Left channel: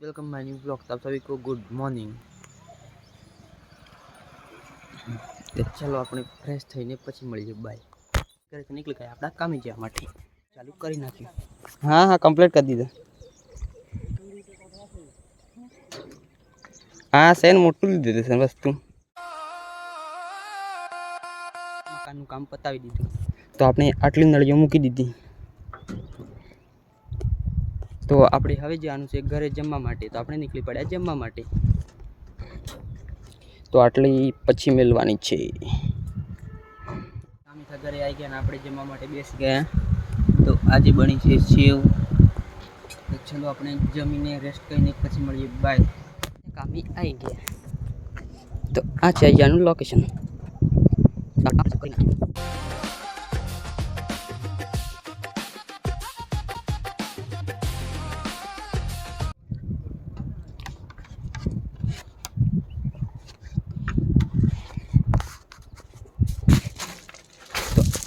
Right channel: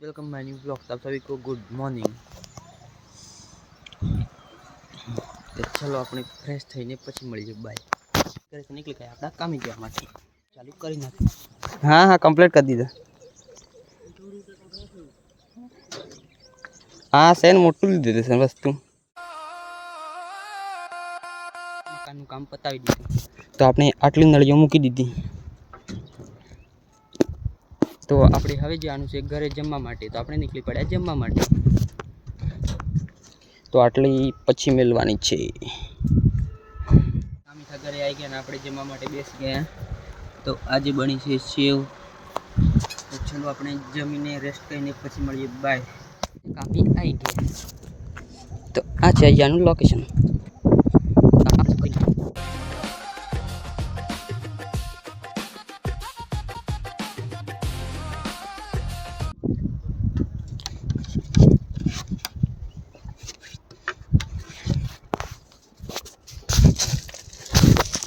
Welcome my new blog. आप सभी को गुड मॉर्निंग। चलो अपने फ्रेश थईने પછી મળીએ બાય। ઘરેથી નીકળી ગયા આપણા કામે જવા માટે। ચાલુ કરી નાખી। હા હા કમ્પ્લીટ કરી દીધા। હા સેન મોટું લીધું છે વસ્તુ। મકાનનું કામ પતાવી દીધું તો આપણે આટલી નળીઓ મૂકી દીધી। તો આપણે હવે જવાનું છે ઘરે જમવા માટે। તો આપણે નીકળી પડ્યા જમવા માટે। તો આટલી પછી મેળવાની છે। કામીઠા ઘરે આવી ગયા ને આપણે જમવા માટે બેસી ગયા। તો આજે બની છે સેવ। તો ચલો આપણે જમીને રેસ્ટ કરીને પછી મળીએ બાય। કામી આવી ગયા। તો આ છે અહીંયાનું લોકેશન।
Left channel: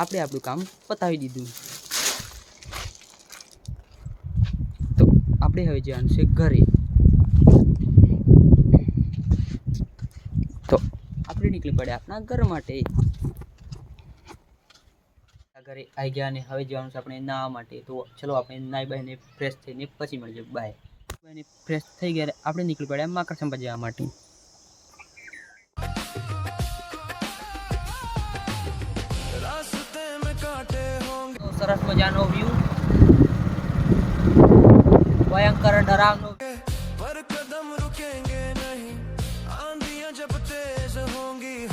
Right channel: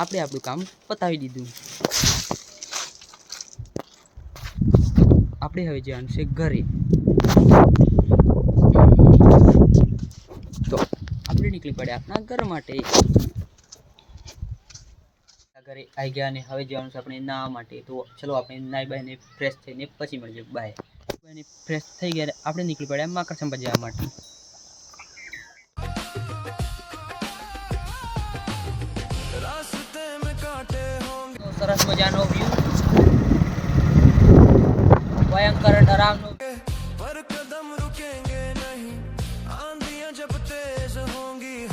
આપણે આપણું કામ પતાવી દીધું। આપણે હવે જવાનું છે ઘરે। તો આપણે નીકળી પડ્યા આપણા ઘર માટે। ઘરે આવી ગયા અને હવે જવાનું છે આપણે નાહવા માટે। તો ચલો આપણે નાહી બાઈને ફ્રેશ થઈને પછી મળીએ બાય। ફ્રેશ થઈ ગયા આપણે નીકળી પડ્યા માકડસંપા જવા માટે। તો સરસ મજાનો વ્યૂ, ભયંકર ડરાવનો પર કદમ રૂકેંગે નહીં, આંધિયાં જબ તેજ હોંગી।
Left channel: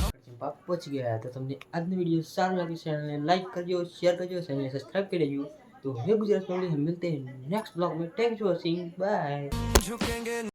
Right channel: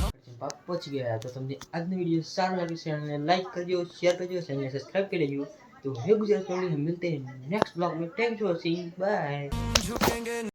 પહોંચી ગયા। તો તમને આજનો વિડીયો સારો લાગે ચેનલને लाइक करजो, शेयर करजो, चैनल सब्सक्राइब कर लीजिए। तो हे गुजरात फैमिली, हम मिलते हैं नेक्स्ट ब्लॉग में। Thanks for watching, bye.